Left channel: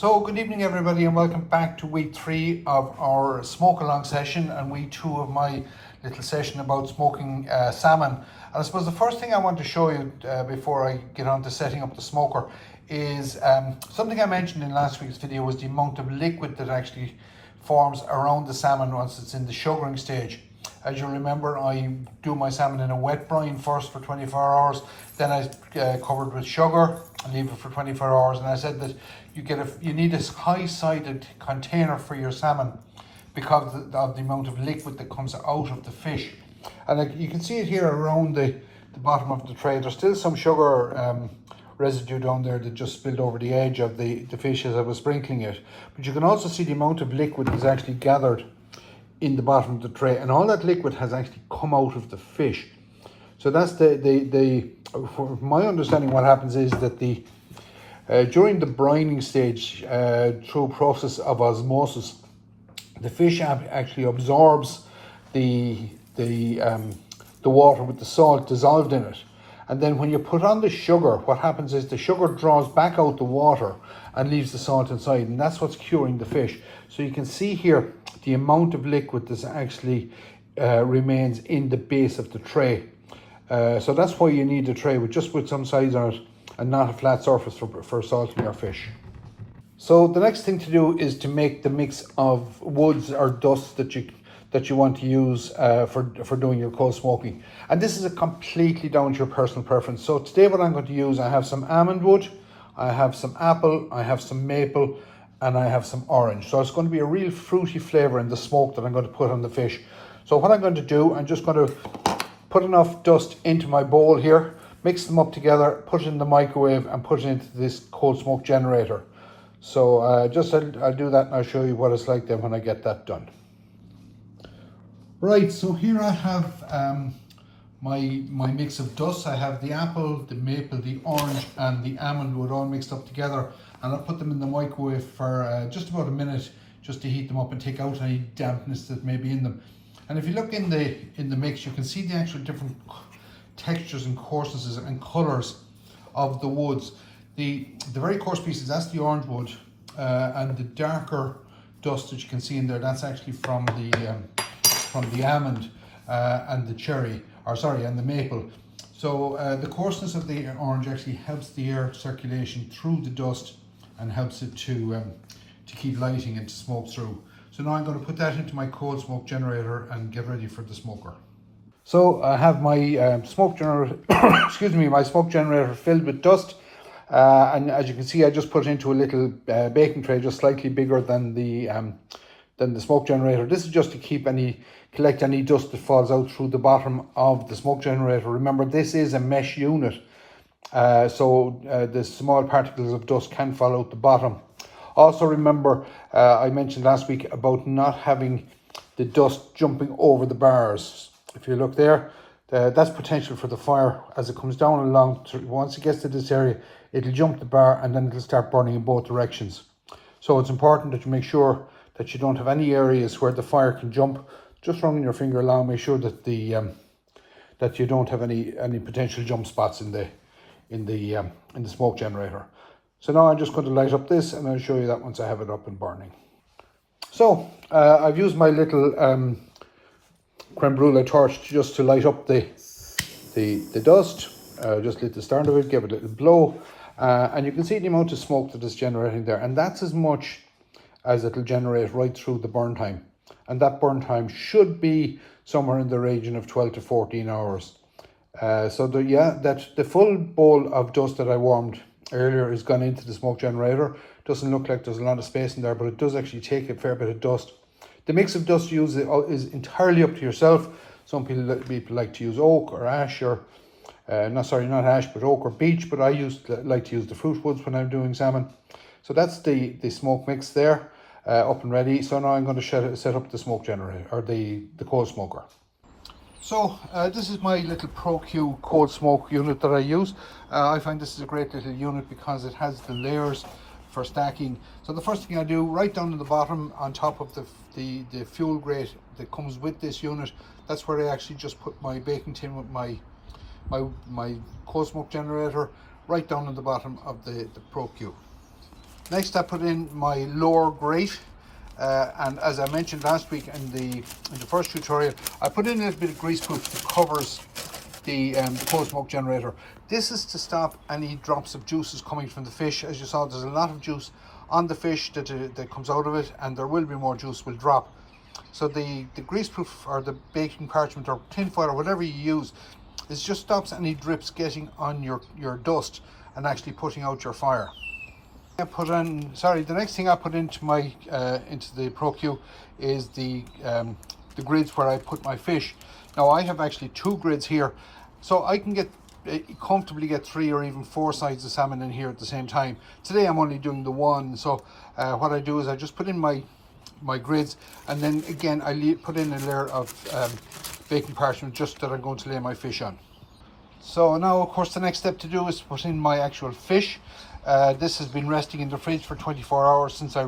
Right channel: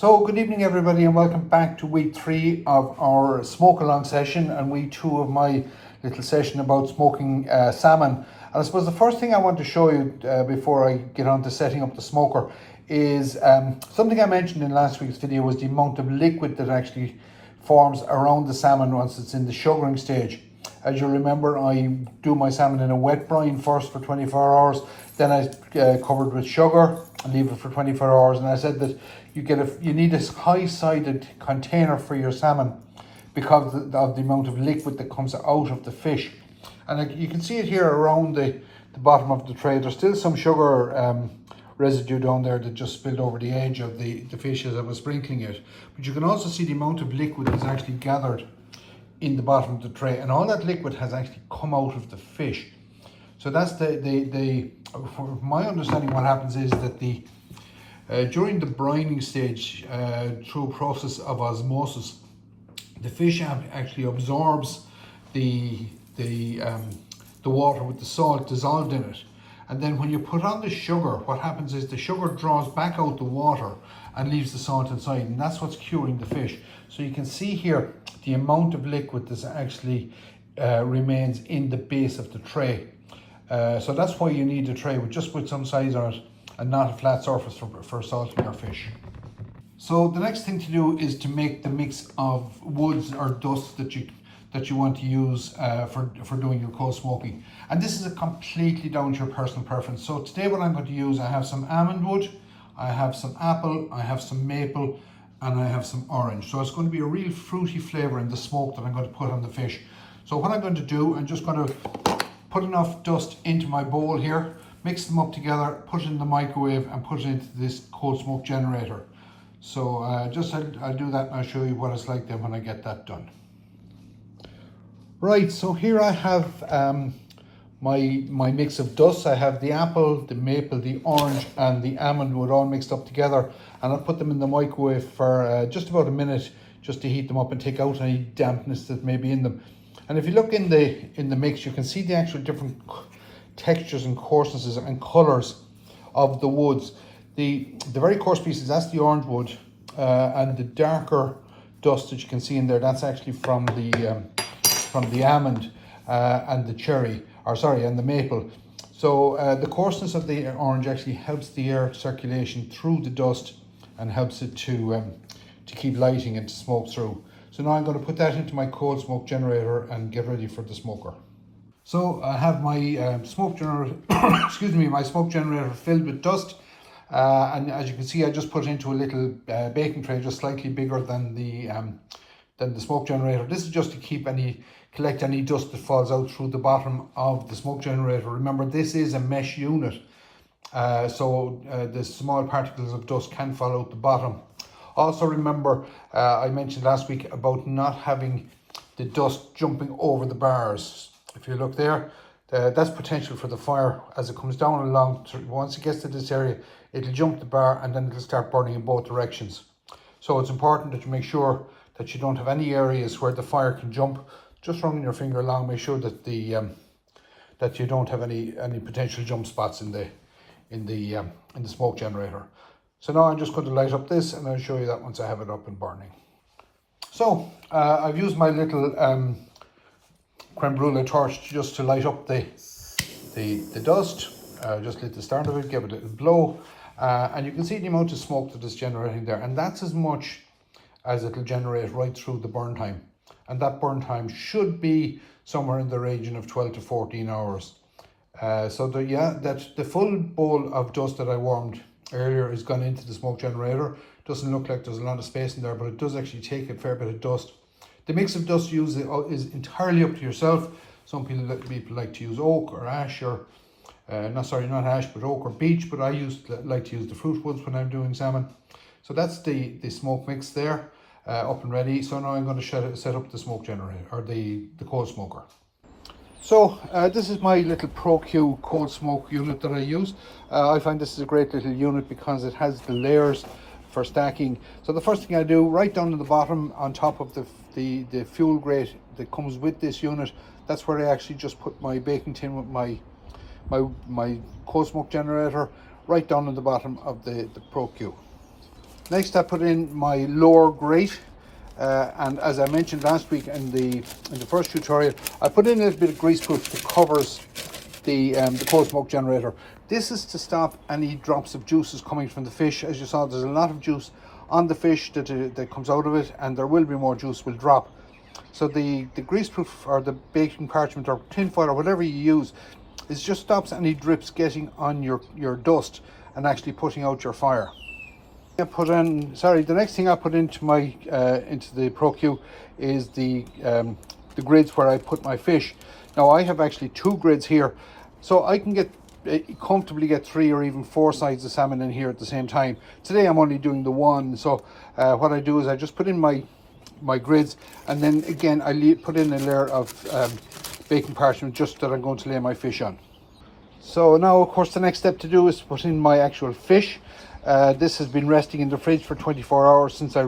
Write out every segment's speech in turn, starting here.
So good evening everybody, and welcome back to week 3 of our smoke along session and week 2 of my little session about smoking salmon. And I suppose the first thing I want to show you before I get on to setting up the smoker is something I mentioned in last week's video was the amount of liquid that actually forms around the salmon once it's in the sugaring stage. As you remember, I do my salmon in a wet brine first for 24 hours, then I cover it with sugar and leave it for 24 hours. And I said that you need a high-sided container for your salmon because of the amount of liquid that comes out of the fish. And you can see it here around the bottom of the tray. There's still some sugar residue down there that just spilled over the edge of the fish as I was sprinkling it. But you can also see the amount of liquid that's actually gathered in the bottom of the tray, and all that liquid has actually come out of the fish. So that's from my understanding, what happens is that during the brining stage, through a process of osmosis, the fish actually absorbs the water with the salt dissolved in it. And then when you put on the sugar, what happens is the sugar draws back out the water and leaves the salt inside, and that's what's curing the fish. So you can see here the amount of liquid that actually remains in the base of the tray. So that's why you need a tray with some size on it and not a flat surface for salting your fish. So the next thing to do is to make the mix of woods or dust that you want to use for doing your cold smoking. And this is a completely down to your personal preference. So today what I'm going to use, I have some almond wood, I have some apple, I have some maple, and I have some orange. So it's going to be a real fruity flavour in the smoke that I'm going to put on the fish. So what I'm going to do, I'm just going to put enough dust into my bowl here, mix them up together, put it in the microwave and put it into this cold smoke generator. So I'll do that and I'll show you what it's like then when I get that done. Right, so here I have my mix of dust. I have the apple, the maple, the orange and the almond wood all mixed up together, and I'll put them in the microwave for just about a minute just to heat them up and take out any dampness that may be in them. And if you look in the mix, you can see the actual different textures and coarsenesses and colours of the woods. The very coarse pieces, that's the orange wood, and the darker dust that you can see in there, that's actually from the almond and the cherry, and the maple. So the coarseness of the orange actually helps the air circulation through the dust and helps it to keep lighting and to smoke through. So now I'm going to put that into my cold smoke generator and get ready for the smoker. So I have my smoke generator, my smoke generator filled with dust. And as you can see, I just put it into a little baking tray, just slightly bigger than the smoke generator. This is just to collect any dust that falls out through the bottom of the smoke generator. Remember, this is a mesh unit, so the small particles of dust can fall out the bottom. Also remember, I mentioned last week about not having the dust jumping over the bars. If you look there, that's potential for the fire. As it comes down along, once it gets to this area, it'll jump the bar and then it'll start burning in both directions. So it's important that you make sure that you don't have any areas where the fire can jump. Just running your finger along, make sure that that you don't have any potential jump spots in the smoke generator. So now I'm just going to light up this, and I'll show you that once I have it up and burning. So I've used my little creme brulee torch just to light up the dust. Just lit the start of it, give it a little blow, and you can see the amount of smoke that is generating there, and that's as much as it'll generate right through the burn time. And that burn time should be somewhere in the region of 12 to 14 hours. So the full bowl of dust that I warmed earlier has gone into the smoke generator. Doesn't look like there's a lot of space in there, but it does actually take a fair bit of dust. The mix of dust used is entirely up to yourself. Some people like to use oak or ash, or not ash, but oak or beech, but I like to use the fruit woods when I'm doing salmon. So that's the smoke mix there. Up and ready. So now I'm going to set up the smoke generator, or the cold smoker. So this is my little ProQ cold smoke unit that I use. I find this is a great little unit because it has the layers for stacking. So the first thing I do, right down at the bottom on top of the fuel grate that comes with this unit, that's where I actually just put my baking tin with my cold smoke generator, right down at the bottom of the ProQ. Next I put in my lower grate, and as I mentioned last week in the first tutorial, I put in a little bit of grease proof that covers the closed smoke generator. This is to stop any drops of juices coming from the fish. As you saw, there's a lot of juice on the fish that comes out of it, and there will be more juice will drop. So the grease proof or the baking parchment or tin foil or whatever you use, it just stops any drips getting on your dust and actually putting out your fire. The next thing I put into my into the ProQ is the grids where I put my fish. Now I have actually 2 grids here, so I can comfortably get 3 or even 4 sides of salmon in here at the same time. Today I'm only doing the one, so what I do is I just put in my grids, and then again I put in a layer of baking parchment just that I'm going to lay my fish on. So now of course the next step to do is to put in my actual fish. This has been resting in the fridge for 24 hours since I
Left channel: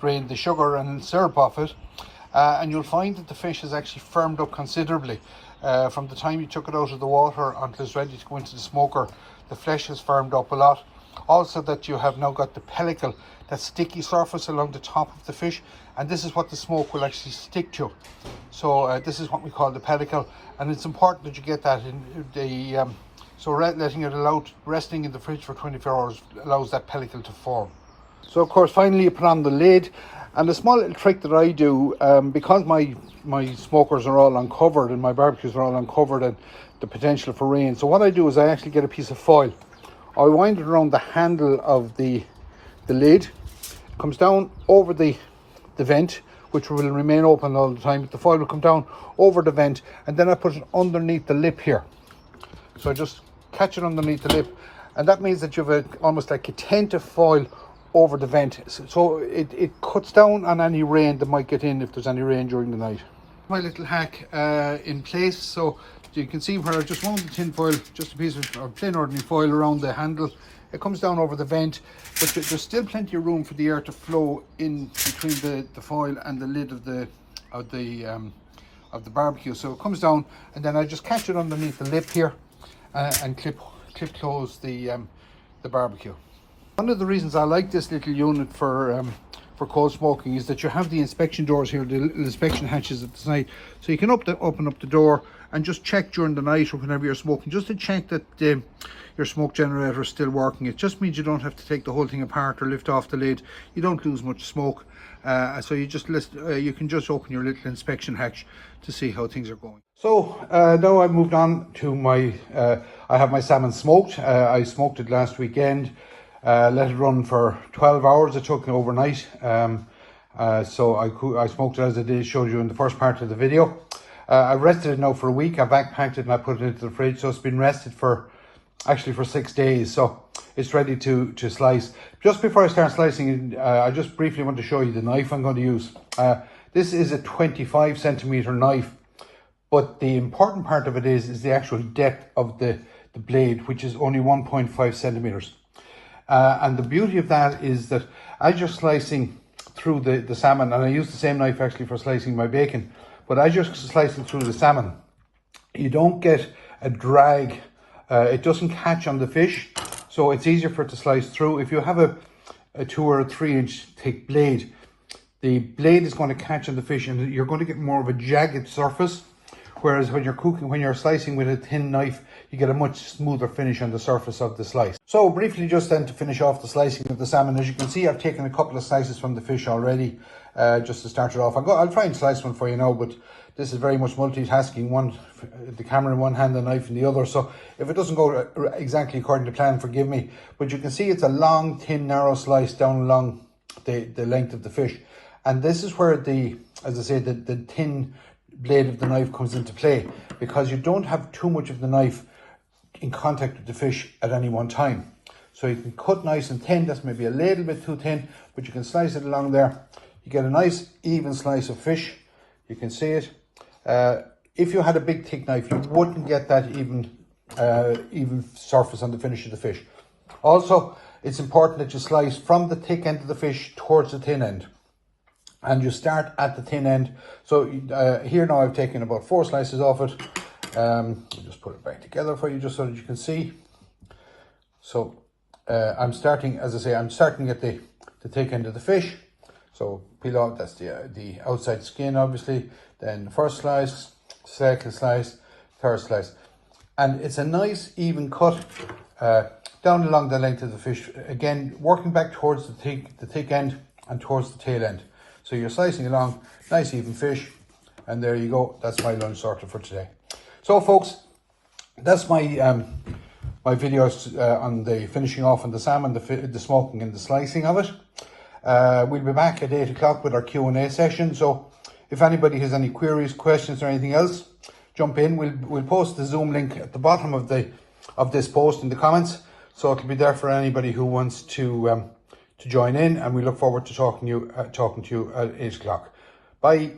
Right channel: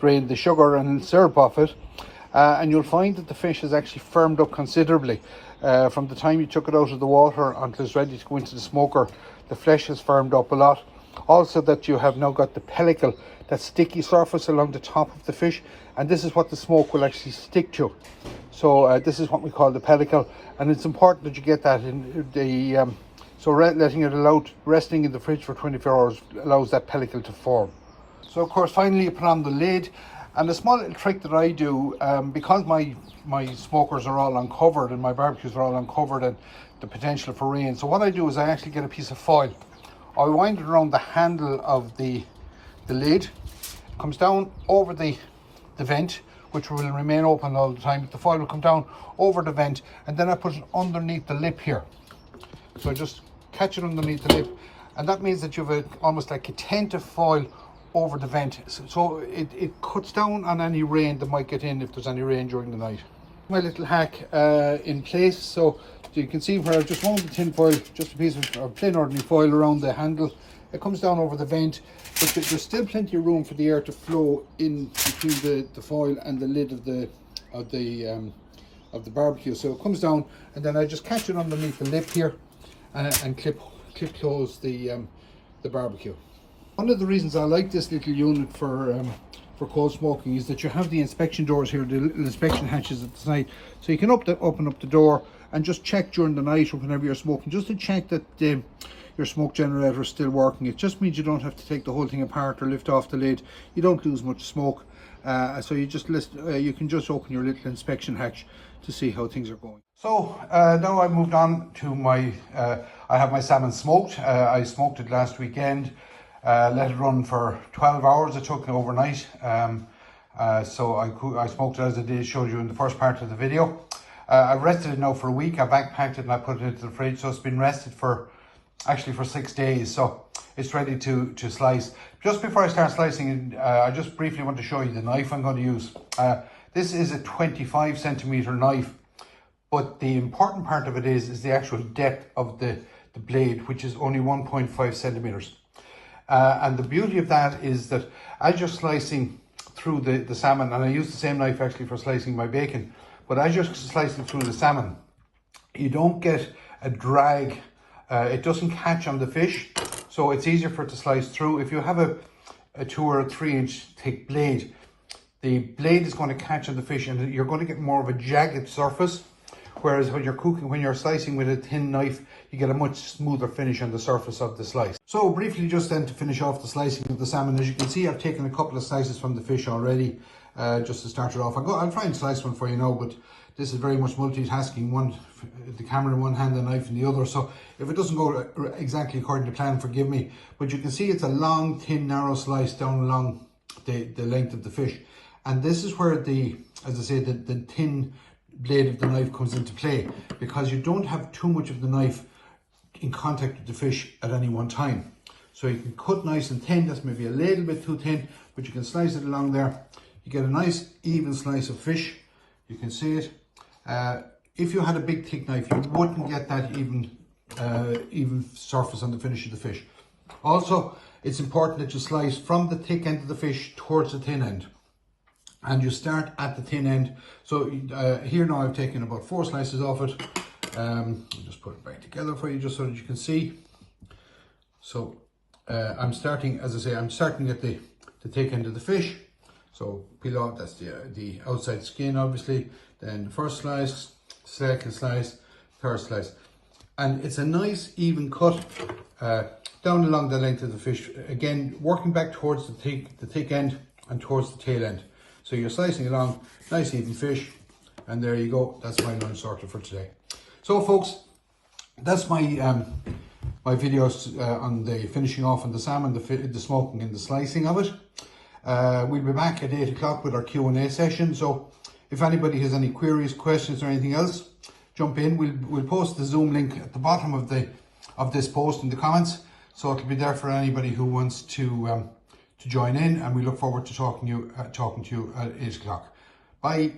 drained the sugar and syrup off it, and you'll find that the fish has actually firmed up considerably. From the time you took it out of the water until it's ready to go into the smoker, the flesh has firmed up a lot. Also that you have now got the pellicle, that sticky surface along the top of the fish, and this is what the smoke will actually stick to. So this is what we call the pellicle, and it's important that you get that in the so letting it resting in the fridge for 24 hours allows that pellicle to form. So of course finally you put on the lid, and a small little trick that I do, because my smokers are all uncovered and my barbecues are all uncovered and the potential for rain, so what I do is I actually get a piece of foil. I wind it around the handle of the lid, comes down over the vent, which will remain open all the time. The foil will come down over the vent, and then I put it underneath the lip here. So I just catch it underneath the lip, and that means that you have almost like a tent of foil over the vent, so it cuts down on any rain that might get in if there's any rain during the night. My little hack in place, so you can see where I just wound the tin foil, just a piece of plain ordinary foil around the handle. It comes down over the vent, but there's still plenty of room for the air to flow in between the foil and the lid of the barbecue. So it comes down, and then I just catch it underneath the lip here and clip close the barbecue. One of the reasons I like this little unit for cold smoking is that you have the inspection doors here, the inspection hatches at the side, so you can open up the door and just check during the night or whenever you're smoking, just to check that your smoke generator is still working. It just means you don't have to take the whole thing apart or lift off the lid. You don't lose much smoke, so you can just open your little inspection hatch to see how things are going. So now I've moved on to I have my salmon smoked. I smoked it last weekend. Let it run for 12 hours. It took me overnight. So I smoked it as I did show you in the first part of the video. I rested it now for a week. I backpacked it and I put it into the fridge, so it's been rested for 6 days. So it's ready to slice. Just before I start slicing it, I just briefly want to show you the knife I'm going to use. This is a 25 centimeter knife, but the important part of it is the actual depth of the blade, which is only 1.5 centimeters. And the beauty of that is that as you're slicing through the salmon, and I use the same knife actually for slicing my bacon, but as you're slicing through the salmon, you don't get a drag. It doesn't catch on the fish, so it's easier for it to slice through. If you have a 2 or a 3 inch thick blade, the blade is going to catch on the fish and you're going to get more of a jagged surface, whereas when you're slicing with a thin knife, you get a much smoother finish on the surface of the slice. So briefly, just then to finish off the slicing of the salmon, as you can see I've taken a couple of slices from the fish already, just to start it off. I'll try and slice one for you now, but this is very much multitasking, the camera in one hand, the knife in the other, so if it doesn't go exactly according to plan, forgive me. But you can see it's a long, thin, narrow slice down along the length of the fish, and this is where as I say, the thin blade of the knife comes into play, because you don't have too much of the knife in contact with the fish at any one time. So you can cut nice and thin. That's maybe a little bit too thin, but you can slice it along there. You get a nice even slice of fish. You can see it. If you had a big thick knife, you wouldn't get that even surface on the finish of the fish. Also, it's important that you slice from the thick end of the fish towards the thin end, and you start at the thin end. So here now I've taken about 4 slices off it. I'll just put it back together for you just so that you can see. So I'm starting, as I say, I'm starting at the thick end of the fish. So peel out, that's the outside skin obviously, then the first slice, second slice, third slice. And it's a nice even cut down along the length of the fish, again working back towards the thick end and towards the tail end. So you're slicing along, nice even fish, and there you go, that's my lunch circle for today. So folks, that's my my videos on the finishing off on the salmon, the smoking and the slicing of it. We'll be back at 8 o'clock with our Q&A session, so if anybody has any queries, questions or anything else, jump in. We'll post the Zoom link at the bottom of this post in the comments, so it'll be there for anybody who wants to join in, and we look forward to talking to you at 8 o'clock. Bye.